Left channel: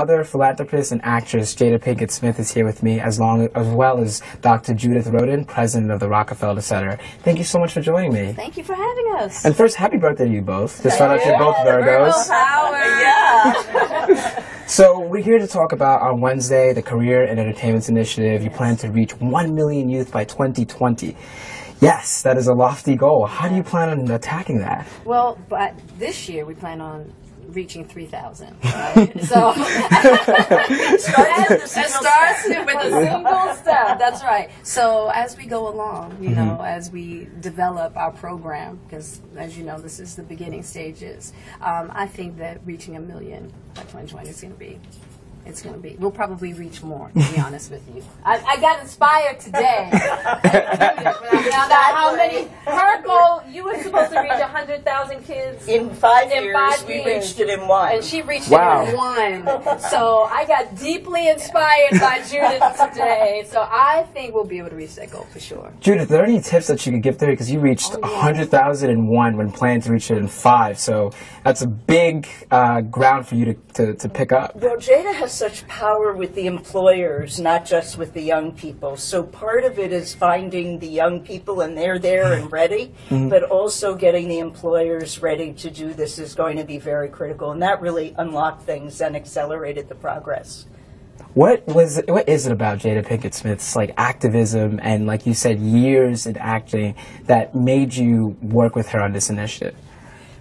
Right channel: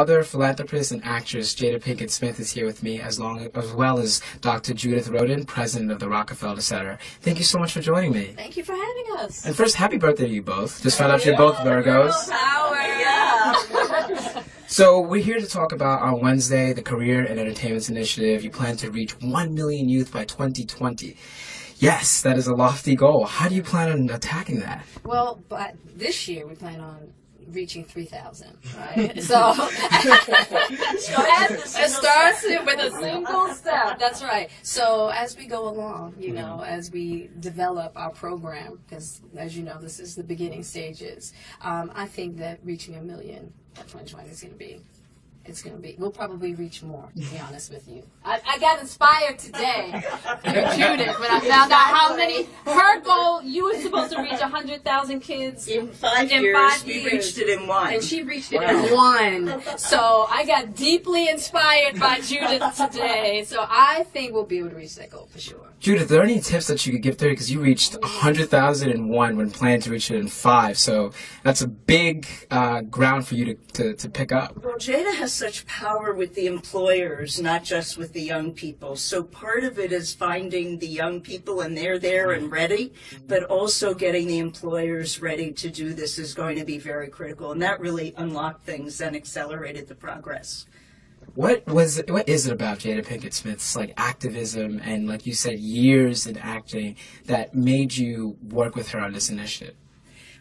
Other philanthropist and actress Jada Pinkett Smith is here with me, as well as Dr. Judith Rodin, president of the Rockefeller Center. Thank you so much for joining me. Thank you for having us. And first, happy birthday to you both. Just found out you're both Virgos. Virgo power. Yeah. So we're here to talk about on Wednesday the Career and Entertainment Initiative. You plan to reach 1 million youth by 2020. Yes, that is a lofty goal. How do you plan on attacking that? Well, but this year we plan on reaching 3,000, right? So it starts with a single step. That's right. So as we go along, you know, as we develop our program, because as you know, this is the beginning stages. I think that reaching 1 million by 2020 is going to be. It's going to be. We'll probably reach more, to be honest with you. I got inspired today from Judith when I found out how many. Her goal, you were supposed to reach 100,000 kids in 5 years. We reached it in 1. And she reached it in 1. So I got deeply inspired by Judith today. So I think we'll be able to reach that goal for sure. Judith, are there any tips that you could give there? Because you reached 100,000 in 1 when planning to reach it in 5. So that's a big ground for you to pick up. Well, Jada has such power with the employers, not just with the young people. So part of it is finding the young people and they're there and ready, but also getting the employers ready to do this is going to be very critical. And that really unlocked things and accelerated the progress. What is it about Jada Pinkett Smith's activism and, like you said, years in acting that made you work with her on this initiative?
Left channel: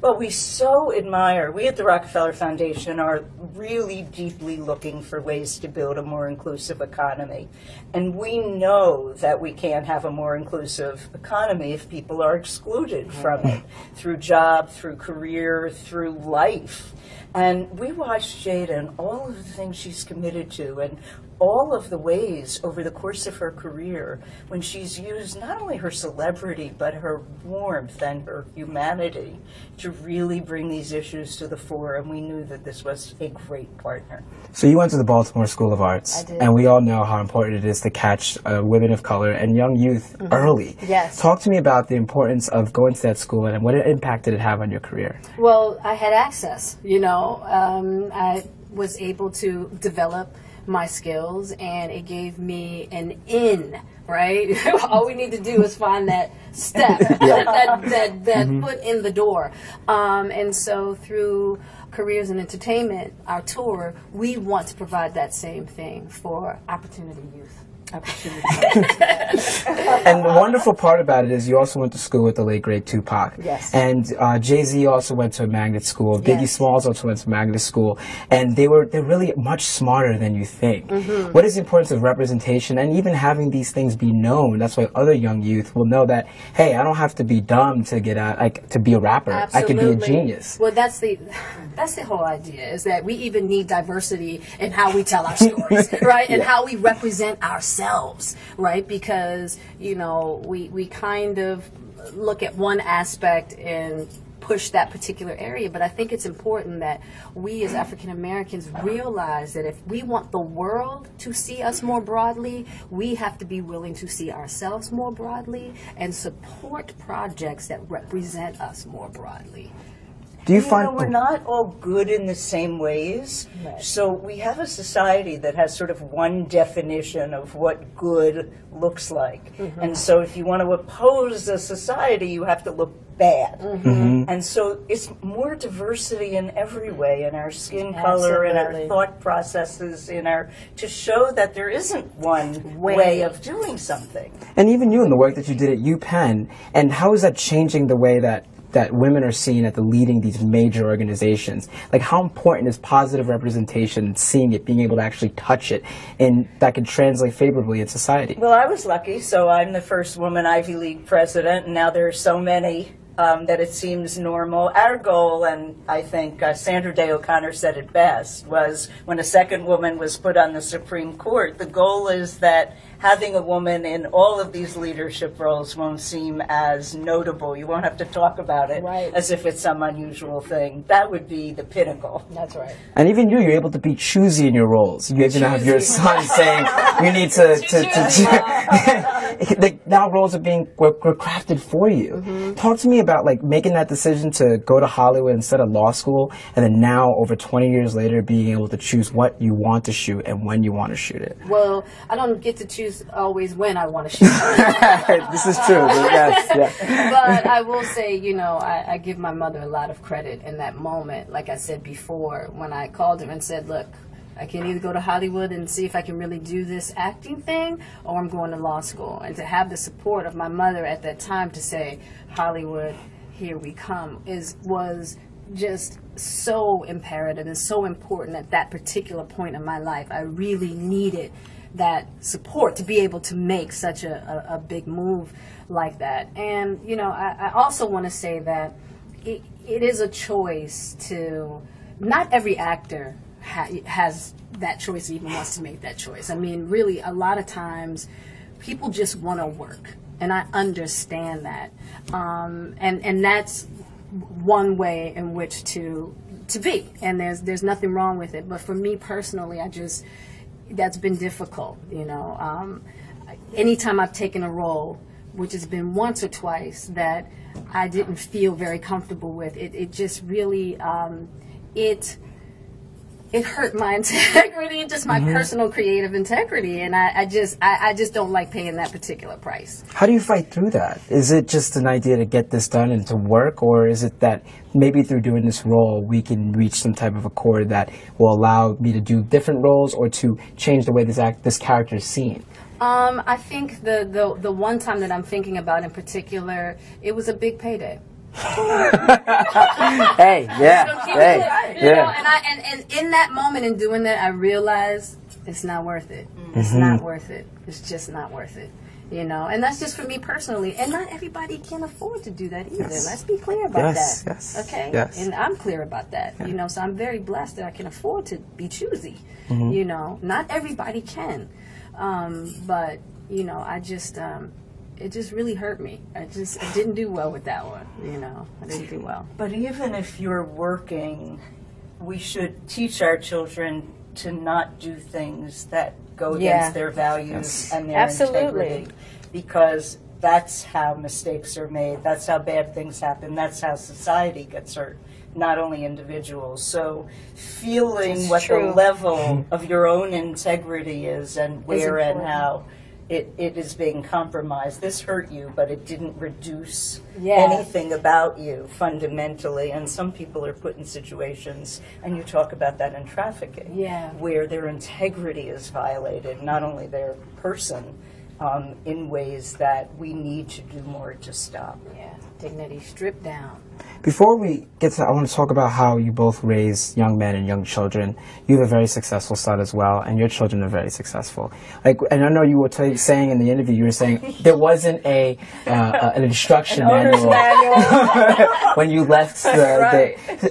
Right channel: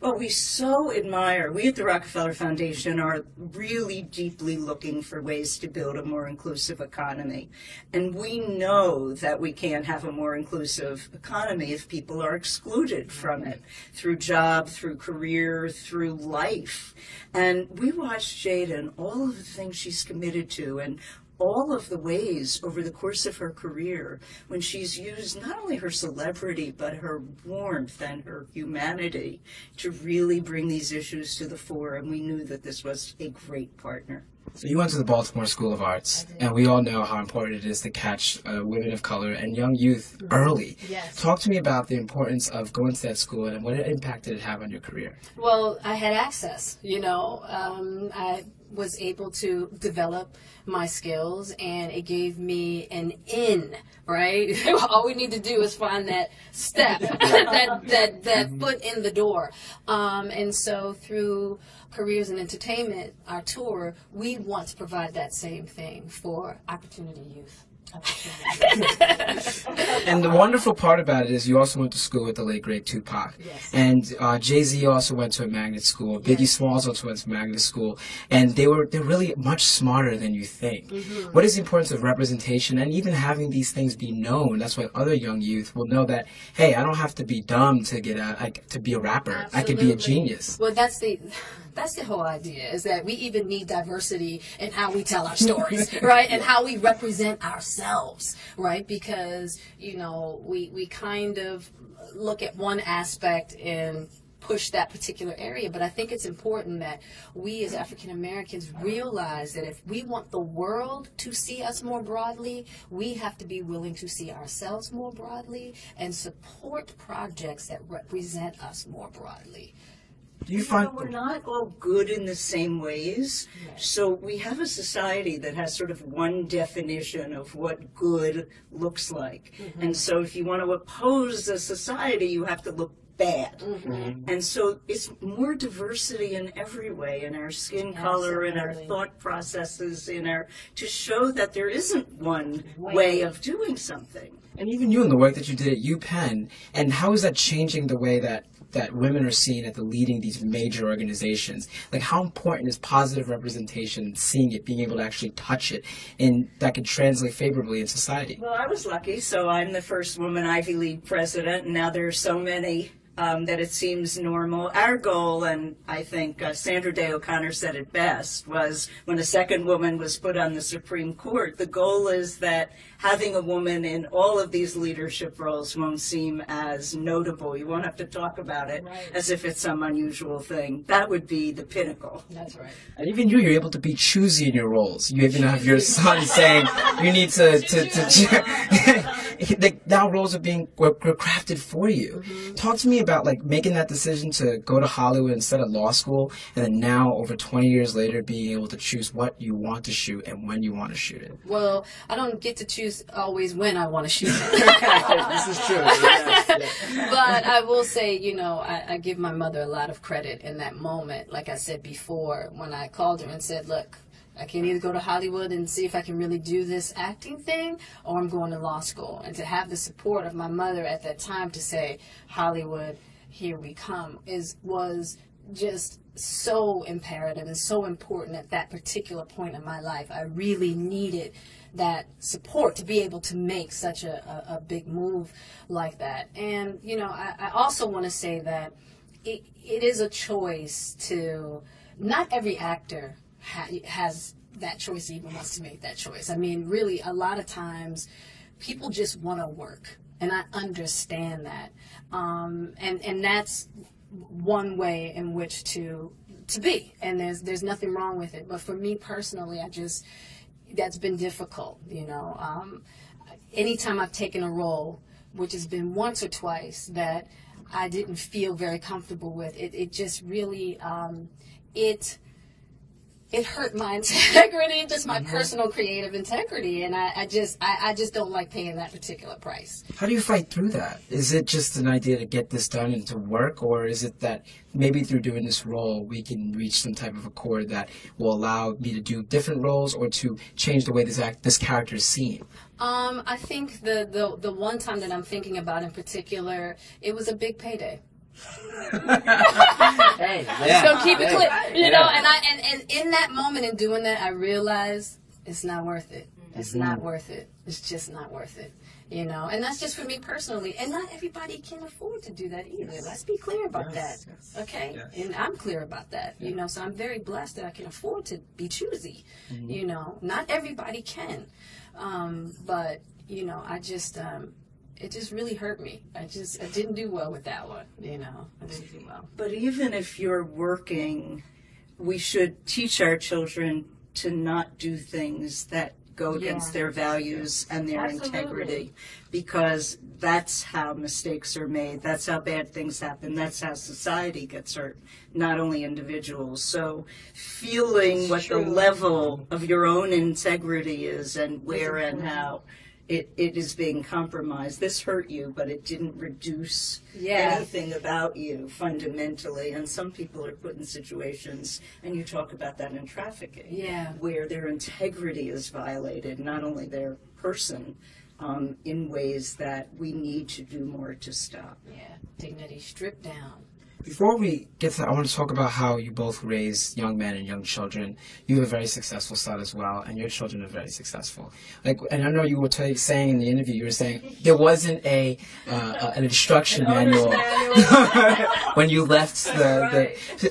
Well, we so admire, we at the Rockefeller Foundation are really deeply looking for ways to build a more inclusive economy. And we know that we can't have a more inclusive economy if people are excluded from it, through job, through career, through life. And we watched Jada and all of the things she's committed to and all of the ways over the course of her career when she's used not only her celebrity but her warmth and her humanity to really bring these issues to the fore, and we knew that this was a great partner. So you went to the Baltimore School of Arts, and we all know how important it is to catch women of color and young youth early. Yes. Talk to me about the importance of going to that school and what impact did it have on your career? Well, I had access, you know. I was able to develop my skills, and it gave me an in, right? All we need to do is find that step, that foot in the door. And so through Careers in Entertainment, our tour, we want to provide that same thing for opportunity youth. And the wonderful part about it is you also went to school with the late great Tupac. Yes. And Jay-Z also went to a magnet school. Biggie Smalls also went to a magnet school. And they're really much smarter than you think. What is the importance of representation and even having these things be known? That's why other young youth will know that, hey, I don't have to be dumb to get out, to be a rapper. Absolutely. I could be a genius. Well, that's the whole idea, is that we even need diversity in how we tell our stories, right? And how we represent ourselves, right? Because, you know, we kind of look at one aspect and push that particular area, but I think it's important that we as African Americans realize that if we want the world to see us more broadly, we have to be willing to see ourselves more broadly and support projects that represent us more broadly. Do you find we're not all good in the same ways? Right. So we have a society that has sort of one definition of what good looks like. And so if you want to oppose a society, you have to look bad. And so it's more diversity in every way, in our skin color, in our thought processes, to show that there isn't one way of doing something. And even you in the work that you did at UPenn, and how is that changing the way that women are seen at leading these major organizations? Like, how important is positive representation, seeing it, being able to actually touch it, and that could translate favorably in society? Well, I was lucky, so I'm the first woman Ivy League president, and now there are so many that it seems normal. Our goal, and I think Sandra Day O'Connor said it best, was when a second woman was put on the Supreme Court, the goal is that having a woman in all of these leadership roles won't seem as notable. You won't have to talk about it as if it's some unusual thing. That would be the pinnacle. That's right. And even you're able to be choosy in your roles. You even have your son saying you need to now roles were crafted for you. Talk to me about like making that decision to go to Hollywood instead of law school, and then now over 20 years later being able to choose what you want to shoot and when you want to shoot it. Well, I don't get to choose always when I want to shoot. This is true. Yes, yeah. But I will say, you know, I give my mother a lot of credit in that moment. Like I said before, when I called her and said, look, I can either go to Hollywood and see if I can really do this acting thing, or I'm going to law school. And to have the support of my mother at that time to say, Hollywood, here we come, was just so imperative and so important at that particular point in my life. I really needed that support to be able to make such a big move like that. And, you know, I also want to say that it is a choice to, not every actor has that choice, even wants to make that choice. I mean, really, a lot of times people just want to work, and I understand that. And that's one way in which to be, and there's nothing wrong with it. But for me personally, that's been difficult, you know. Anytime I've taken a role, which has been once or twice, that I didn't feel very comfortable with, it just really, it hurt my integrity, just my personal creative integrity, and I just don't like paying that particular price. How do you fight through that? Is it just an idea to get this done and to work, or is it that maybe through doing this role we can reach some type of accord that will allow me to do different roles or to change the way this character is seen? I think the one time that I'm thinking about in particular, it was a big payday. Hey, yeah. So keep it clear, you know. And in that moment, in doing that, I realized it's not worth it. It's not worth it. It's just not worth it. You know, and that's just for me personally. And not everybody can afford to do that either. Yes. Let's be clear about that. Yes. Okay. Yes. And I'm clear about that. Yeah. You know, so I'm very blessed that I can afford to be choosy. You know, not everybody can. But you know, it just really hurt me. I didn't do well with that one, you know. I didn't do well. But even if you're working, we should teach our children to not do things that go against their values and their integrity, because that's how mistakes are made. That's how bad things happen. That's how society gets hurt, not only individuals. So feeling what the level of your own integrity is and where and how it is being compromised. This hurt you, but it didn't reduce anything about you fundamentally. And some people are put in situations, and you talk about that in trafficking, where their integrity is violated, not only their person, in ways that we need to do more to stop. Yeah, dignity stripped down. Before we get to that, I want to talk about how you both raise young men and young children. You have a very successful son as well, and your children are very successful. And I know you were saying in the interview, you were saying there wasn't an instruction manual when you left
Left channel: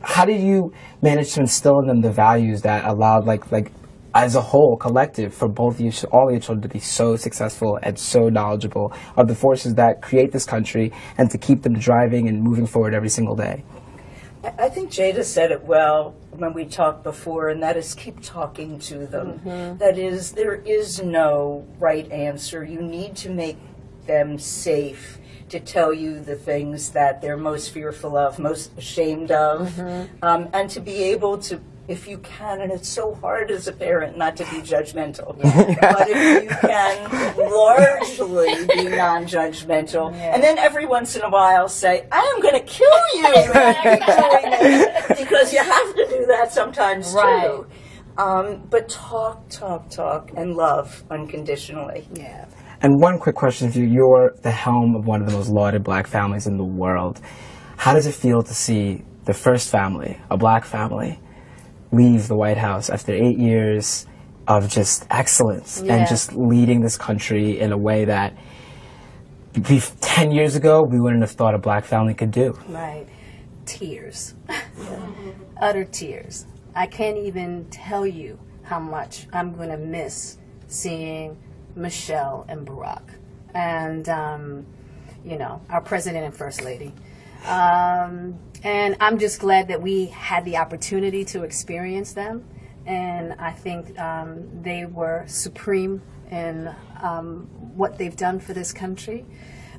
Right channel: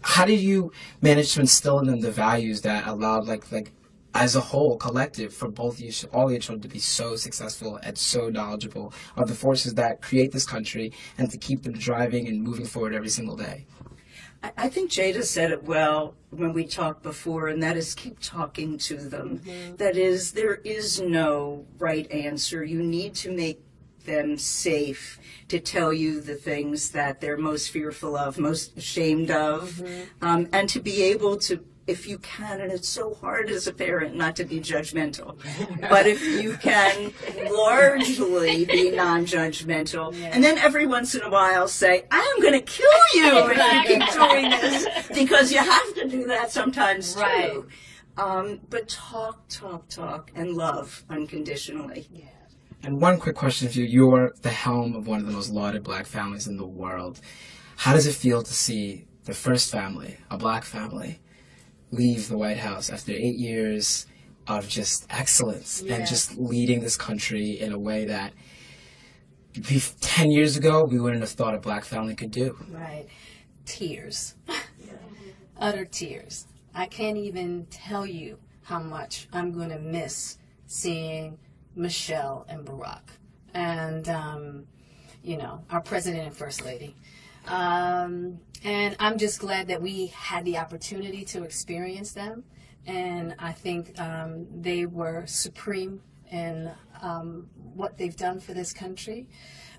How did you manage to instill in them the values that allowed, like as a whole, collective, for both you, all your children to be so successful and so knowledgeable of the forces that create this country and to keep them driving and moving forward every single day? I think Jada said it well when we talked before, and that is keep talking to them. That is, there is no right answer. You need to make them safe to tell you the things that they're most fearful of, most ashamed of, and to be able to, if you can, and it's so hard as a parent not to be judgmental, but if you can largely be non-judgmental, and then every once in a while say, I am going to kill you if you keep doing this, because you have to do that sometimes too. But talk, and love unconditionally. Yeah. And one quick question for you. You're the helm of one of the most lauded black families in the world. How does it feel to see the first family, a black family, leave the White House after 8 years of just excellence and just leading this country in a way that 10 years ago we wouldn't have thought a black family could do? Right. Tears. Utter tears. I can't even tell you how much I'm going to miss seeing Michelle and Barack and, you know, our president and first lady. And I'm just glad that we had the opportunity to experience them and I think they were supreme in what they've done for this country,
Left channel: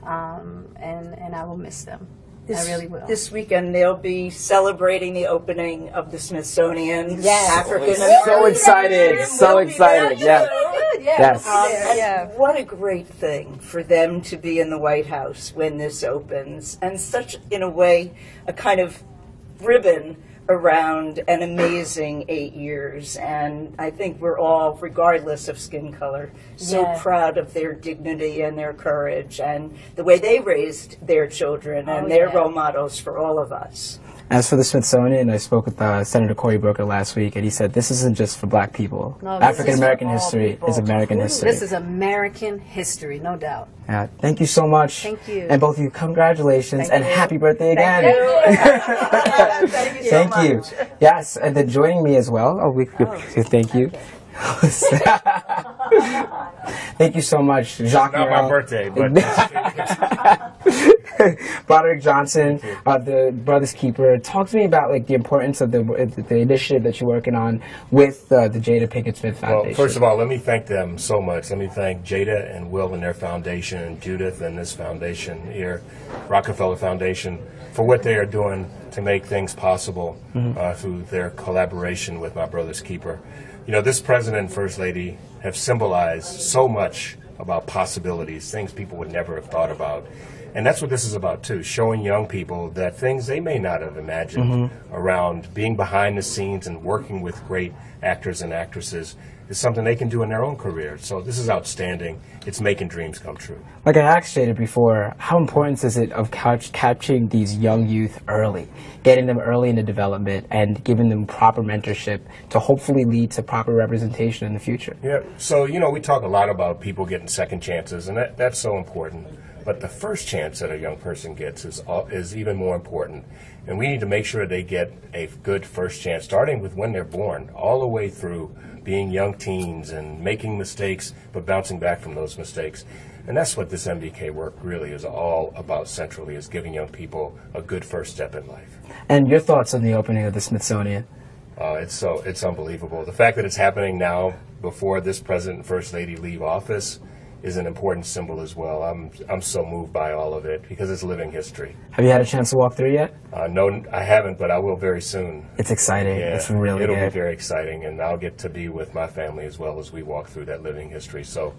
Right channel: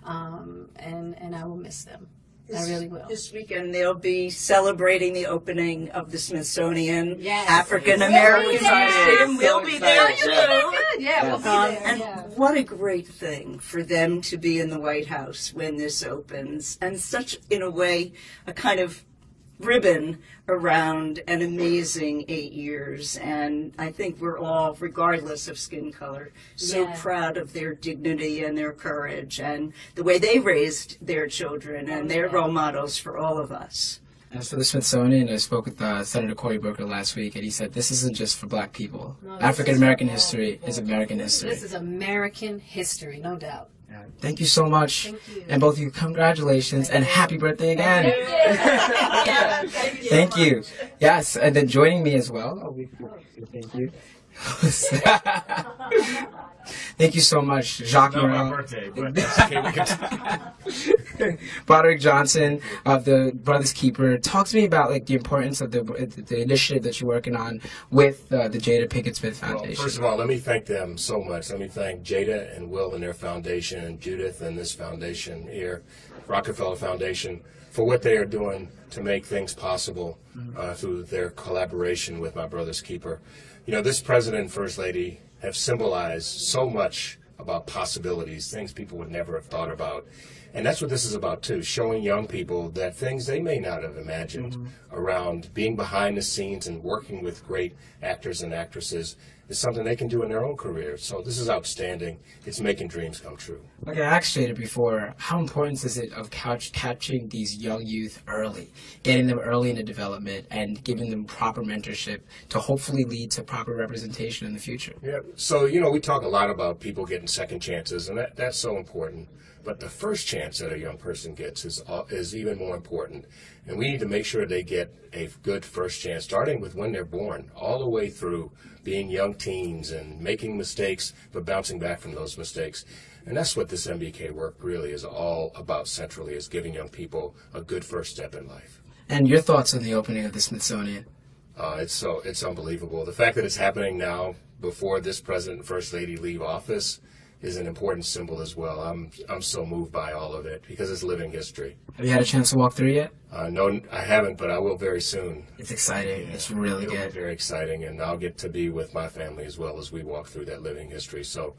and I will miss them. I really will. This weekend they'll be celebrating the opening of the Smithsonian African American. So excited! So excited! Yeah. Yes. And what a great thing for them to be in the White House when this opens, and such, in a way, a kind of ribbon around an amazing 8 years. And I think we're all, regardless of skin color, so proud of their dignity and their courage and the way they raised their children, and they're role models for all of us. As for the Smithsonian, I spoke with Senator Cory Booker last week, and he said this isn't just for black people. No, African American history is American history. This is American history, no doubt. Yeah, thank you so much. Thank you. And both of you, congratulations and happy birthday again. Thank you. Thank you. Yes, and then joining me as well. Thank you. Thank you so much, Jacques. Not my birthday, but that's okay. We can Broderick Johnson of the Brothers Keeper. Talk to me about like the importance of the initiative that you're working on with the Jada Pinkett Smith Foundation. Well, first of all, let me thank them so much. Let me thank Jada and Will and their foundation, and Judith and this foundation here, Rockefeller Foundation, for what they are doing to make things possible through their collaboration with my Brothers Keeper. You know, this President and First Lady have symbolized so much about possibilities, things people would never have thought about. And that's what this is about, too, showing young people that things they may not have imagined around being behind the scenes and working with great actors and actresses is something they can do in their own career. So this is outstanding. It's making dreams come true. Like I asked Jada before, how important is it of capturing these young youth early, getting them early into development and giving them proper mentorship to hopefully lead to proper representation in the future? Yeah, so, you know, we talk a lot about people getting second chances, and that's so important. But the first chance that a young person gets is even more important. And we need to make sure they get a good first chance, starting with when they're born, all the way through being young teens and making mistakes, but bouncing back from those mistakes. And that's what this MBK work really is all about centrally, is giving young people a good first step in life. And your thoughts on the opening of the Smithsonian? It's unbelievable. The fact that it's happening now before this President and First Lady leave office is an important symbol as well. I'm so moved by all of it because it's living history. Have you had a chance to walk through yet? No, I haven't, but I will very soon. It's exciting. Yeah, it's really it'll good. Be very exciting, and I'll get to be with my family as well as we walk through that living history. So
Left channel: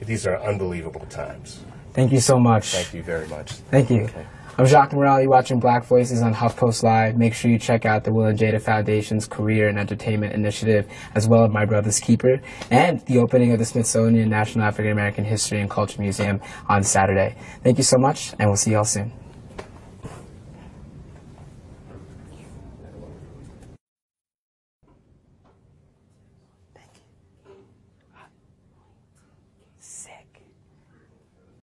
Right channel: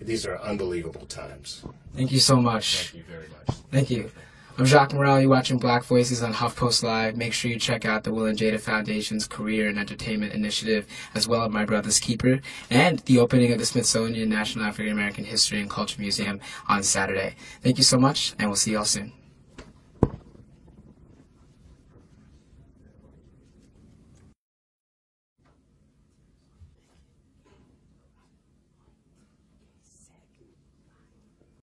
these are unbelievable times. Thank you so much. Thank you very much. Thank you. Okay. I'm Jacques Morel. You're watching Black Voices on HuffPost Live. Make sure you check out the Will and Jada Foundation's Career and Entertainment Initiative, as well as My Brother's Keeper, and the opening of the Smithsonian National African American History and Culture Museum on Saturday. Thank you so much, and we'll see y'all soon.